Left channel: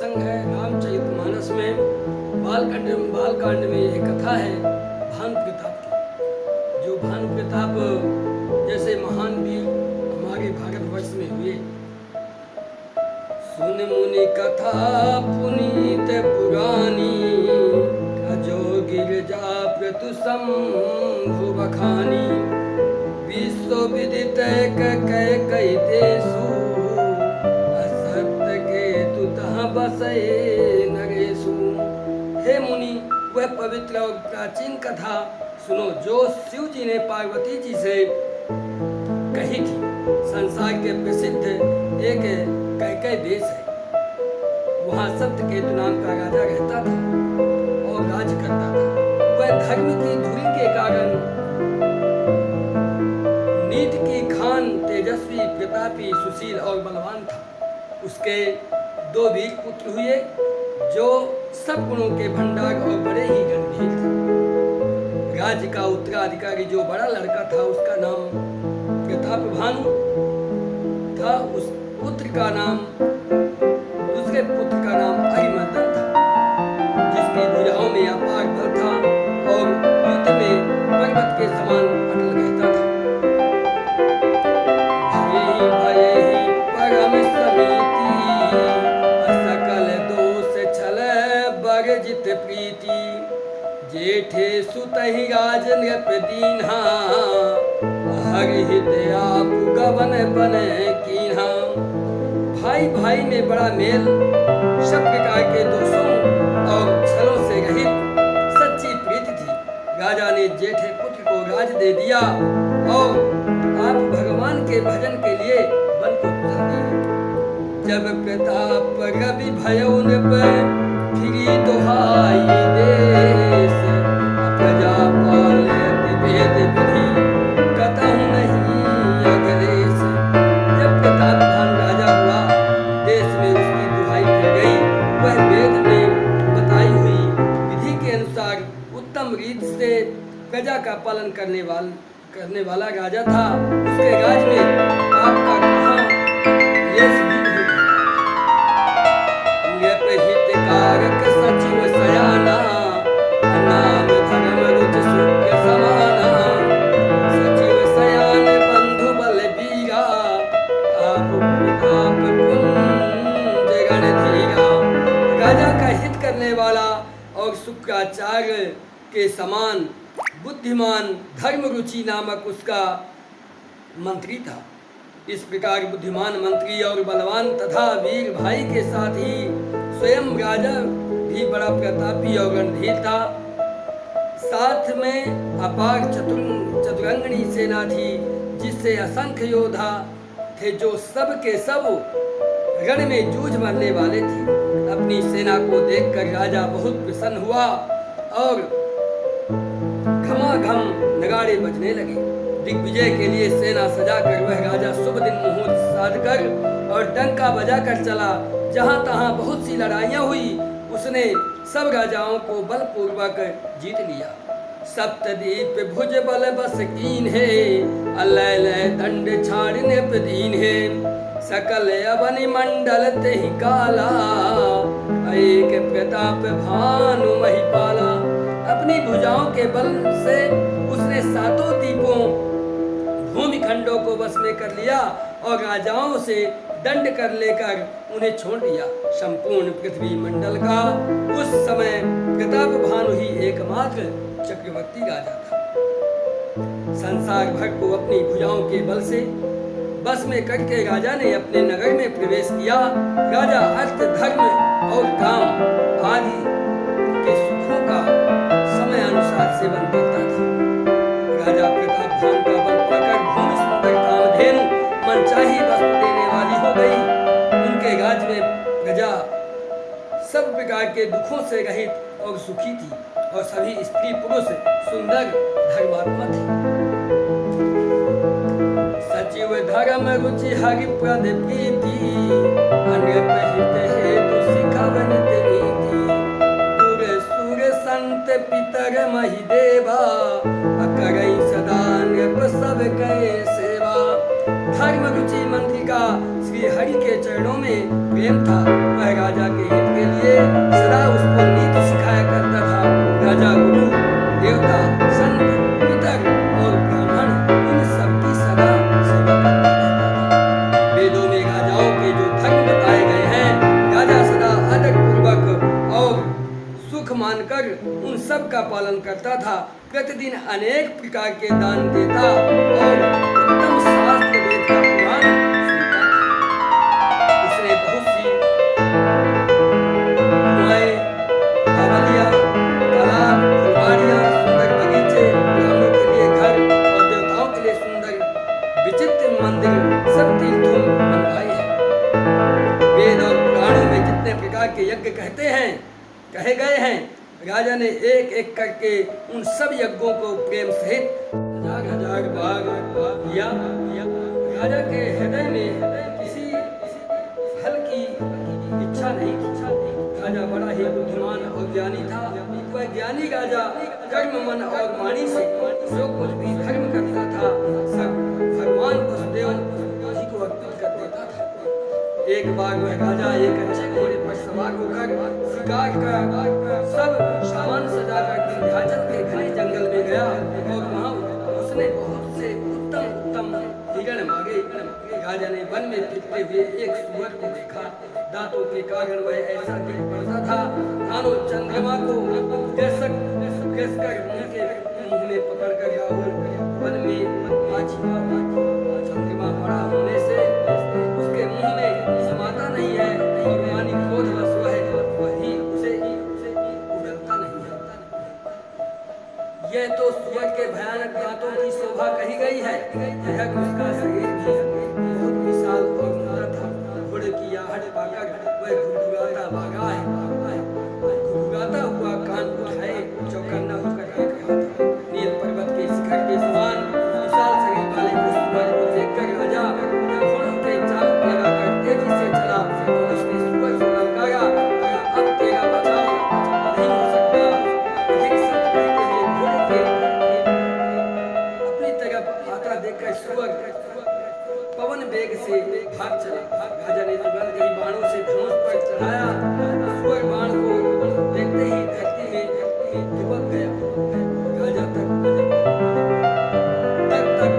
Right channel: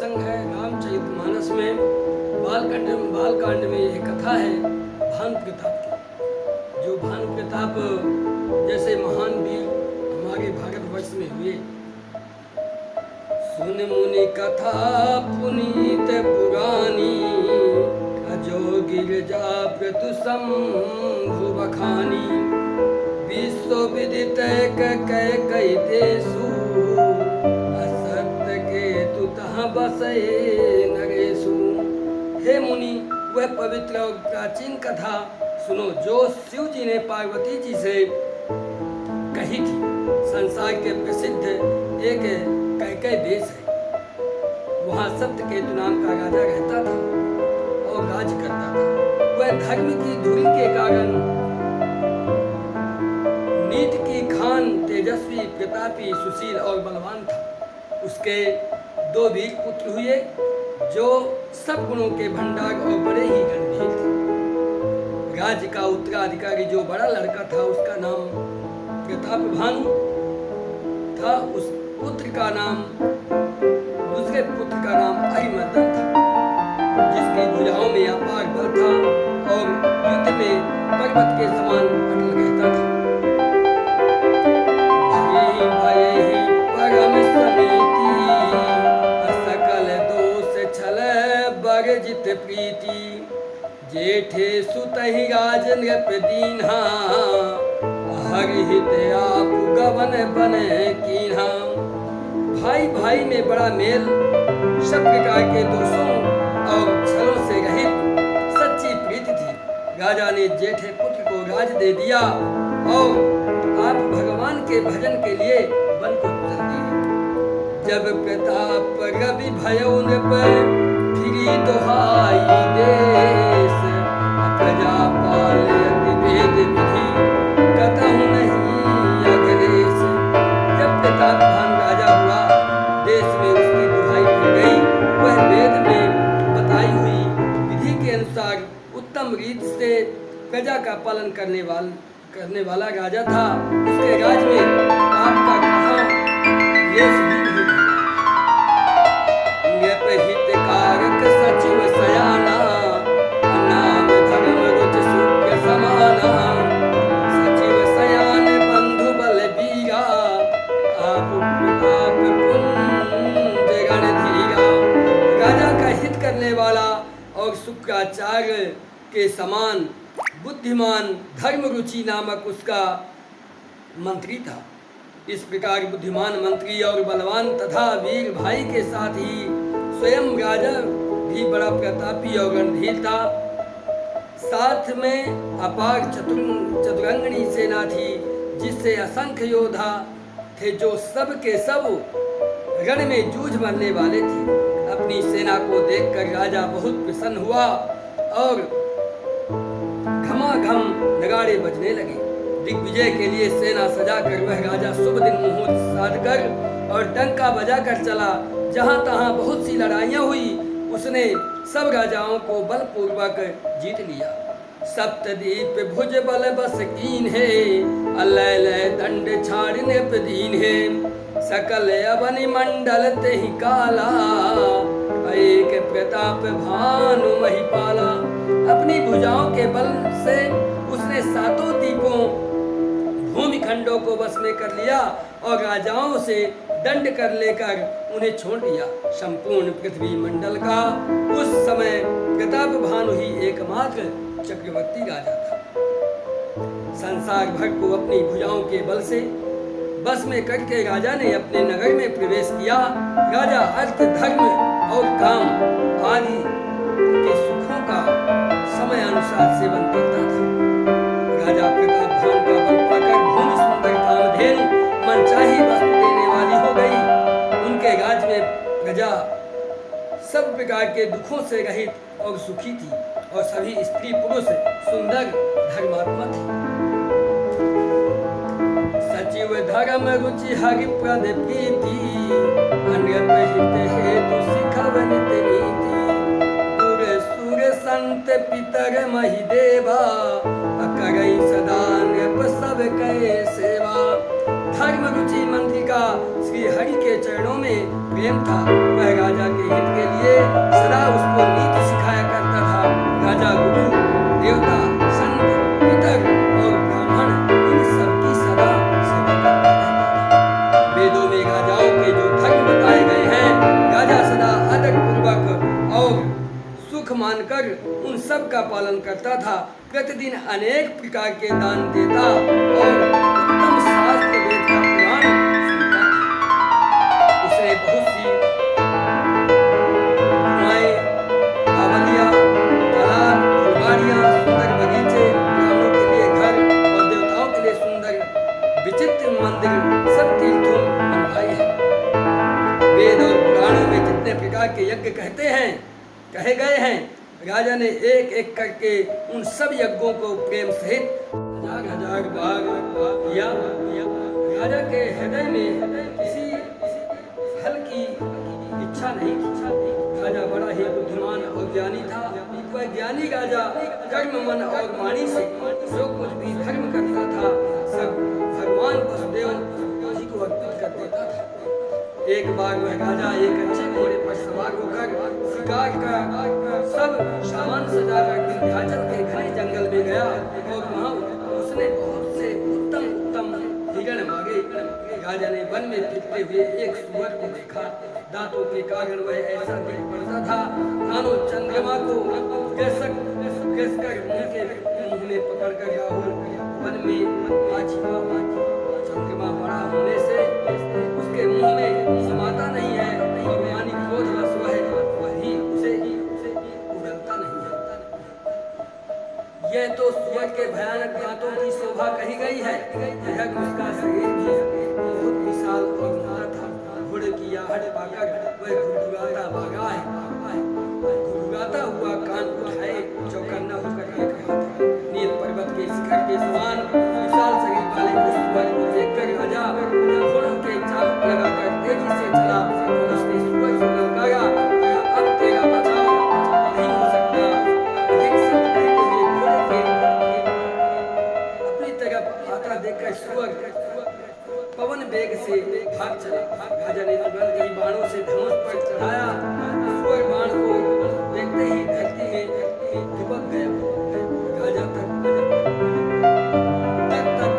प्रसंग है रामचरितमानस में। बालकांड में यह कथा है भानु प्रताप की। जो भानु प्रताप जैसे महान वीर हमारे भारतवर्ष में हुए। सुन मुनि कथा पुनीत पुरानी, अजो गिरजा प्रतु शंभु बखानी। विश्व विदित कई देशु, असत्य के तु तहाँ बसे नरेशु। हे मुनि, वह पवित्र और प्राचीन कथा सुनो जो शिव जी ने पार्वती जी से कही थी। संसार के प्रसिद्ध एक कैकई देश है। वहाँ सत्यकेतु नाम का राजा रहता था और राज करता था। वह धर्म की धुरी के कारण नीति की खान, तेजस्वी, प्रतापी, सुशील और बलवान था। उसके 2 वीर पुत्र हुए जो सब गुणों के भंडार और बड़े ही गंभीर थे। राज्य का उत्तराधिकारी जो बड़ा लड़का था उसका नाम प्रताप भानु था। उस पुत्र का नाम, दूसरे पुत्र का नाम अरिमर्दन था, जिसकी भुजाओं में अपार बल था और युद्ध में पर्वत के समान अटल रहता था। भय ही परम समिति, सकल दोष छल बरजित प्रीति। जेठे सुतहि राज नृप दीन्हा, हरहित आप गवन बने कीन्हा। भाई भाई में बड़ा मेल, सब प्रकार के दोषों और छलों से रहित सच्ची प्रीति थी। राजा ने जेठे पुत्र को राज दे दिया और आप भगवान के भजन के लिए वन को चल दिए। जब प्रताप रवि भयो नृप, फिरी दोहाई देश। प्रजा पाले अति भेद विधि, कतहु नहीं अखिलेश। जब प्रताप भानु राजा हुआ, देश में उसकी दुहाई फिर गई। वह वेद में बताई हुई विधि के अनुसार उत्तम रीति से प्रजा का पालन करने वाला राजा था। उसके राज में पाप का कहाँ लेश भी नहीं था। हितकारक सचिव सयाना, नाम धर्म रुच सुख समाना। सचिव सयान बंधु बल बीरा, आप प्रताप पुंज गण धीरा। राजा का हित करने वाला और शुक्राचार्य के समान बुद्धिमान धर्म रुचि नामक उसका मंत्री था। इस प्रकार बुद्धिमान मंत्री और बलवान तथा वीर भाई के साथ ही स्वयं राजा भी बड़ा प्रतापी और रणधीर था। साथ में अपार चतुरंगनी सेना थी, जिससे असंख्य योद्धा थे जो सब के सब रण में जूझ मरने वाले थे। अपनी सेना को देखकर राजा बहुत प्रसन्न हुआ और घमाघम नगाड़े बजने लगे। दिग्विजय के लिए सेना सजाकर वह राजा शुभ दिन मुहूर्त साधकर और डंका बजाकर चला। जहाँ तहाँ बहुत सी लड़ाइयाँ हुई, उसने सब राजाओं को बलपूर्वक जीत लिया। सप्तदीप भुज बल बस कीन है, अलय दंड छाड़ने प्रदीन है। सकल अवनि मंडल तेहि काला, एक प्रताप भानु महिपाला। अपनी भुजाओं के बल से उसने 7 द्वीपों भूमिखंडों को वश में कर लिया और राजाओं से दंड कर लेकर उन्हें छोड़ दिया। संपूर्ण पृथ्वी मंडल का उस समय प्रताप भानु ही एकमात्र चक्रवर्ती राजा था। संसार भर को अपनी भुजाओं के बल से बस में करके राजा ने अपने नगर में प्रवेश किया। राजा अर्थ, धर्म और काम आदि के सुखों का समय अनुसार सेवन करता था। राजा प्रताप भानु का बल पाकर भूमि सुंदर कामधेनु मनचाही वस्तु देने वाली हो गई। उनके राज्य में प्रजा सब प्रकार के दुखों से रहित और सुखी थी और सभी स्त्री पुरुष सुंदर धर्मात्मा थे। सचिव धर्म रुचि हरि प्रद प्रीति, अनृप हित हेतु सिखवनित नीति। दूर सुर संत पितर महि देवा, करई सदा नृप सब कै सेवा। धर्म रुचि मंत्री का श्री हरि के चरणों में प्रेम था। वह राजा के हित के लिए सदा उसको नीति सिखाया करता था। राजा गुरु देवता संत पितर और ब्राह्मण इन सबकी सदा सेवा करता रहता था। वेदों में राजाओं के जो धर्म बताए गए हैं, राजा सदा आदर पूर्वक और सुख मानकर उन सब का पालन करता था। प्रतिदिन अनेक प्रकार के दान देता और उत्तम शास्त्र वेद का पुराण सुनता था। उसने बहुत सी कुआएं, बावलियां, तालाब, फुलवाड़ियां, सुंदर बगीचे, ब्राह्मणों के लिए घर और देवताओं के लिए सुंदर विचित्र मंदिर सब तीर्थों बनवाए हैं। वेद और पुराणों में जितने प्रकार के यज्ञ कहे गए हैं, राजा ने एक एक करके उन सब यज्ञों को प्रेम सहित हजार बार किया। राजा के हृदय में किसी फल की इच्छा नहीं थी। राजा बड़ा ही बुद्धिमान और ज्ञानी था। वह ज्ञानी राजा कर्म मन और वाणी से जो कुछ भी धर्म करता था सब भगवान वसुदेव जी को अर्पित कर देता था। एक बार वह राजा एक अच्छे घोड़े पर सवार होकर शिकार का सब सामान सजाकर विंध्याचल के घने जंगल में गया और वहाँ उसने बहुत से उत्तम हिरण मांगे। राजा ने वन में फिरते हुए एक सूअर को देखा। दांतों के कारण वह ऐसा दिख पड़ता था मानो चंद्रमा को घसकर मुंह में पकड़कर राहुल वन में छिपा। चंद्रमा बड़ा होने से उसके मुंह में समाता नहीं है और मानी क्रोध रस वही उसे उड़ता नहीं है। यह तो सूअर के भयानक दांतों की शोभा कही गई है। यह उसका शरीर भी बहुत विशाल और सुंदर था। घोड़े की आहट पाकर वह घुघुराता भागा है। घुघुराता हुआ कान उठाए चौकन्ना होकर देख रहा था। नील पर्वत के शिखर के समान विशाल शरीर वाले उस सूअर को देखकर राजा घोड़ों के चाबुक लगाकर तेजी से चला और उसने सूअर को ललकारा, अब तेरा बचाव नहीं हो सकता। अधिक संत कहते हुए घोड़े के अपनी तरफ आता देखकर सूअर पवन वेग से भाग चला। राजा ने तुरंत ही बाणों से धनुष पर चढ़ाया। सूअर बाण को देखते ही धरती में दुबक गया। राजा तक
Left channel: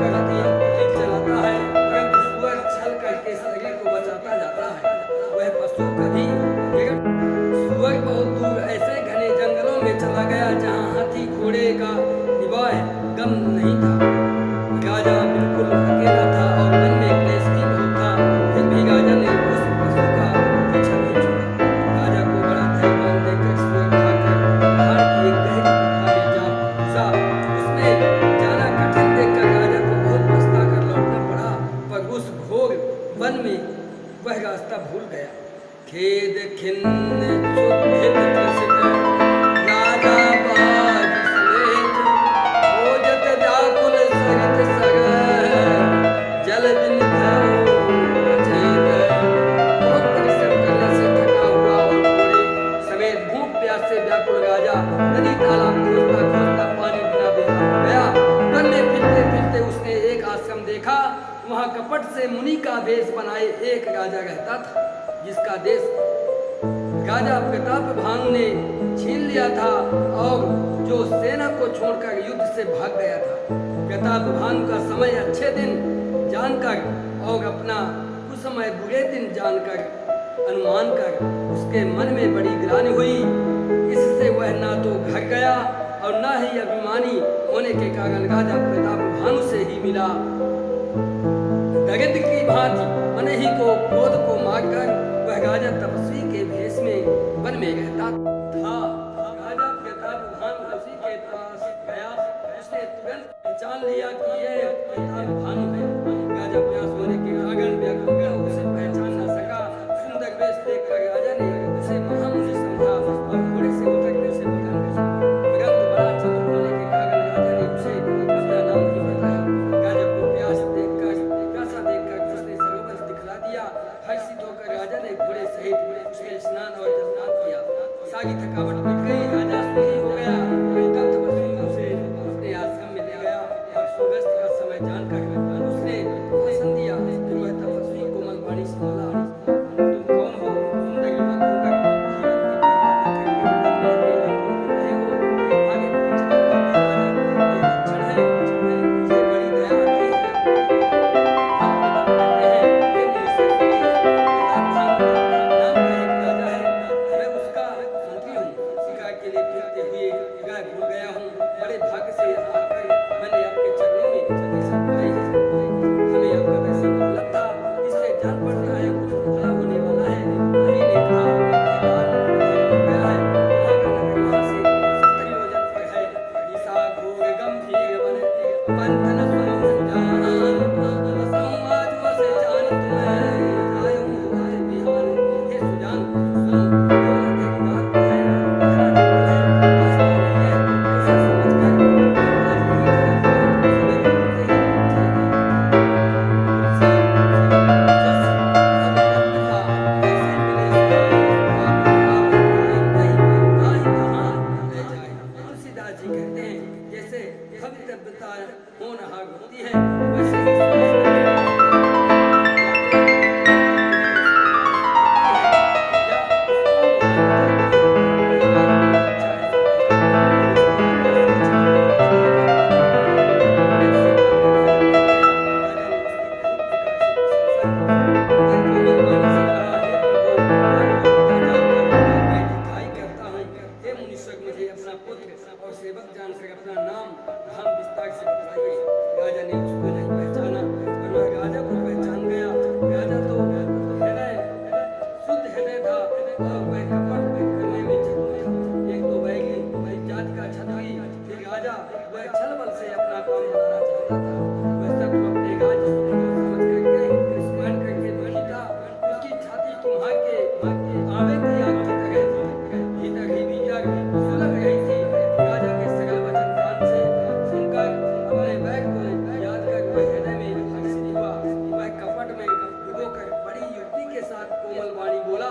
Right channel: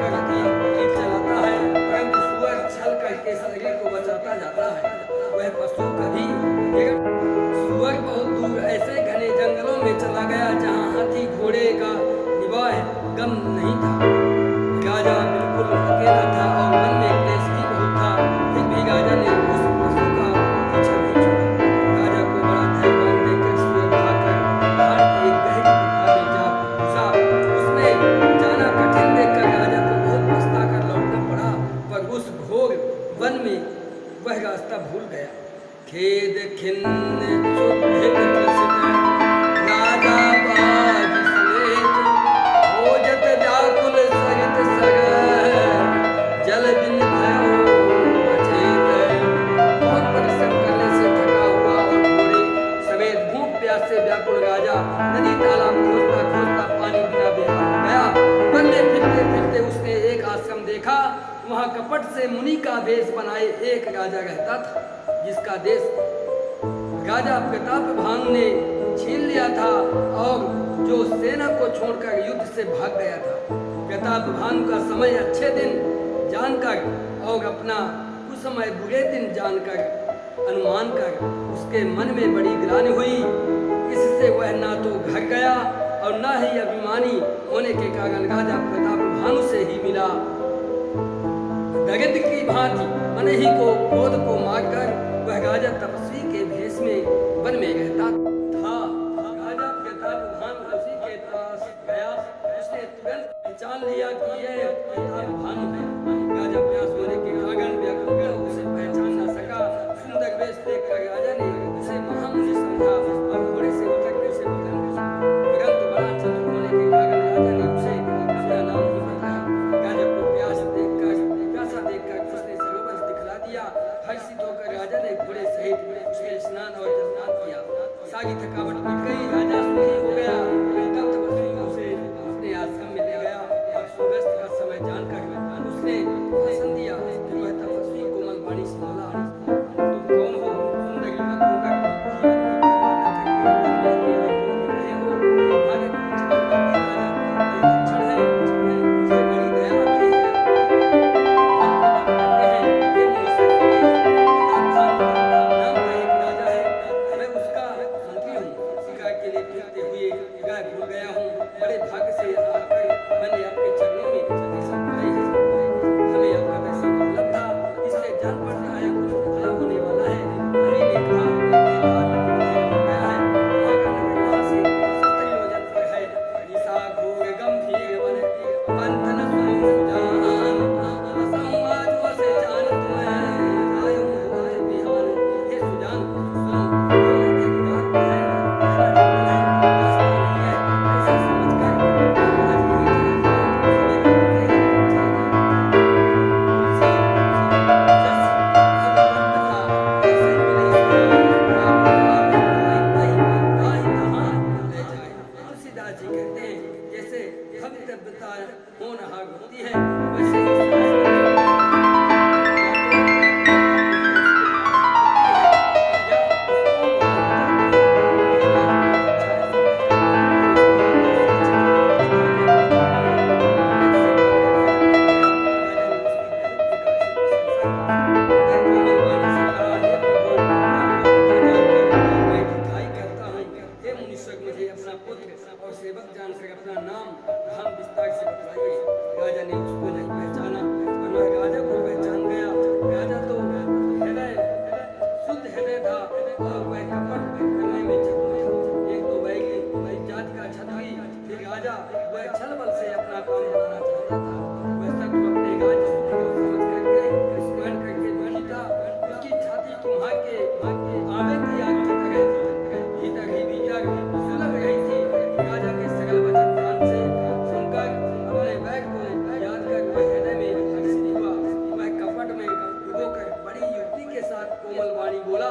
करके तीर चलाता है, परंतु सूअर छल करके शरीर को बचाता जाता है। वह पशु कभी सूअर बहुत दूर ऐसे घने जंगलों में चला गया जहाँ हाथी घोड़े का निवाह गम नहीं था। राजा बिल्कुल अकेला था और मन में क्लेश भी बहुत था। फिर भी राजा ने उस पशु का पीछा नहीं छोड़ा। राजा को बड़ा धैर्यवान देखकर सूअर भागकर पहाड़ की एक गहरी गुफा में जा घुसा। उसमें जाना कठिन देखकर राजा को बहुत पछता कर लौटना पड़ा, पर उस घोर वन में वह रास्ता भूल गया। खेद खिन्न क्षुब्धित त्रसित राजा बाज समेत खोजत व्याकुल सरित सरह जल बिन भयो अचेत। बहुत परिश्रम करने से थका हुआ और घोड़े समेत भूख प्यास से व्याकुल राजा नदी तालाब खोजता खोजता पानी बिना बेहाल हो गया। वन में फिरते फिरते उसने एक आश्रम देखा। वहाँ कपट से मुनि का वेश बनाए एक राजा रहता था, जिसका देश राजा प्रतापभानु ने छीन लिया था और जो सेना को छोड़कर युद्ध से भाग गया था। प्रतापभानु का समय अच्छे दिन जानकर और अपना कुसमय बुरे दिन जानकर अनुमान कर उसके मन में बड़ी ग्लानि हुई। इससे वह ना तो घर गया और न ही अभिमानी होने के कारण राजा प्रतापभानु से ही मिला। दरिद्र की भांति मन ही को क्रोध को मारकर वह राजा तपस्वी के भेष में वन में रहता था। राजा प्रतापभानु उसी के पास गया। उसने तुरंत पहचान लिया कि यह प्रतापभानु है। राजा प्यास होने के कारण व्याकुल उसे पहचान न सका। सुंदर वेश देखकर राजा ने उसे महामुनि समझा और घोड़े से उतरने से मना किया, परंतु बड़ा चतुर होने के कारण राजा ने उसे अपना नाम नहीं बताया। राजा को प्यासा देखकर उसने सरोवर दिखला दिया। हर्षित होकर राजा ने घोड़े सहित उसमें स्नान और जलदान किया। सारी थकावट मिट गई। राजा सुखी हो गया। तब तपस्वी उसे अपने आश्रम में ले गया और सूर्यास्त का समय जानकर उसने भाषण दिया। पंथन सुनो सुजान, समाज वसे जान तुम्हें जायो होए बिहान। हे सुजान सुनो, दौलत एक जात है, धरा जंगल है, रास्ता नहीं है, ऐसा समझकर आज यही ठहर जाओ, सवेरे उठते ही चले जाओ। तुलसी जस अब तक था, ऐसे मिले स्थान, आप आवे ताहि ताहि तहाँ ले जाए। तुलसीदास जी कहते हैं जैसे भक्तव्यता होनहार होती है, वैसे ही सहायता या तो या उसको वहां जाती है। ये बात बड़ी अच्छा है, राजा ने उसकी बहुत प्रकार से प्रशंसा की। अंदर कोमलवाणी से कहा, हे प्रभु, आपको पिता जानकर मैं भिखाई करता हूँ। हे मुनीश्वर, मुझे अपना पुत्र और सेवक जानकर अपना नाम धाम विस्तार से बताइए। राजा ने उसको नहीं पहचाना, और वह राजा को पहचान गया। राजा तो हृदय शुद्ध हृदय था, और वह कपट करने में चतुर था। एक तो वैगी जात का क्षत्रिय, फिर राजा, वह छल बल से अपना काम बनाना चाहता था। वह शत्रु अपने राज्य को समझ करके स्मरण करके दुखी था। उसकी छाती कुम्हार के आवे की आग की तरह थी, भीतर ही भीतर सुलग रही थी। राजा के सरल वचन कान से सुनकर अपने बैग को याद कर वह हृदय में हर्षित हुआ। वह कपट में डुबोकर बड़ी युक्ति के साथ कोमल वाणी बोला,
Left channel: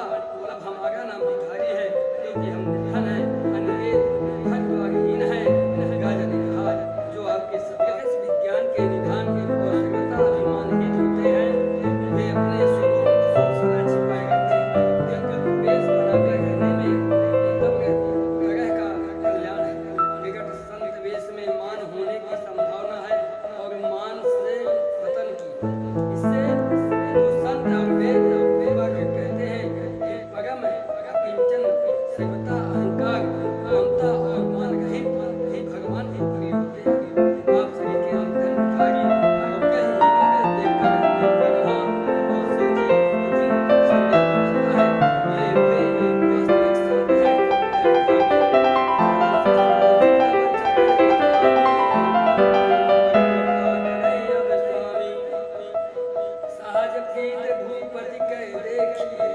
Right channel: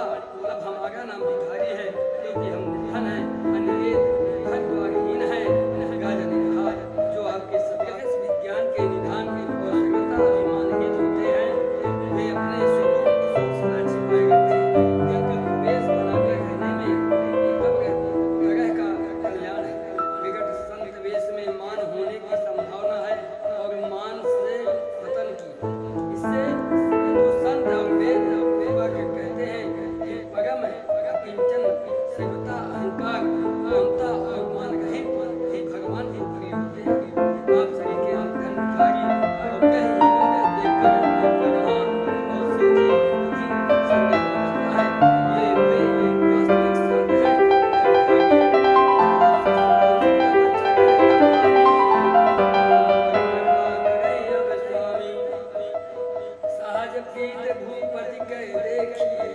अब हमारा नाम भिखारी है, क्योंकि हम निर्धन हैं, अनिकेत घर द्वारहीन हैं। राजा ने कहा, जो आपके सत्यावेश विज्ञान के निधान और सर्वथा अभिमानहीन होते हैं, वे अपने स्वरूप को सदा छिपाए रहते हैं, क्योंकि वेश बनाकर रहने में तब ग्रह का कल्याण है। विकट संत वेश में मान होने की संभावना है, और मान से पतन की। इससे जो संत और वेद कहते हैं कि परम अकिंचन सर्वथा अहंकार ममता और मान रहित ही भगवान के प्रिय होते हैं। आप सभी के निधन भिखारी अवज्ञहीनों को देखकर ब्रह्मा और शिव जी भी संदेह करता है, ये वे वास्तविक संत हैं या भिखारी। सहज प्रीत भूपति कह देखिए,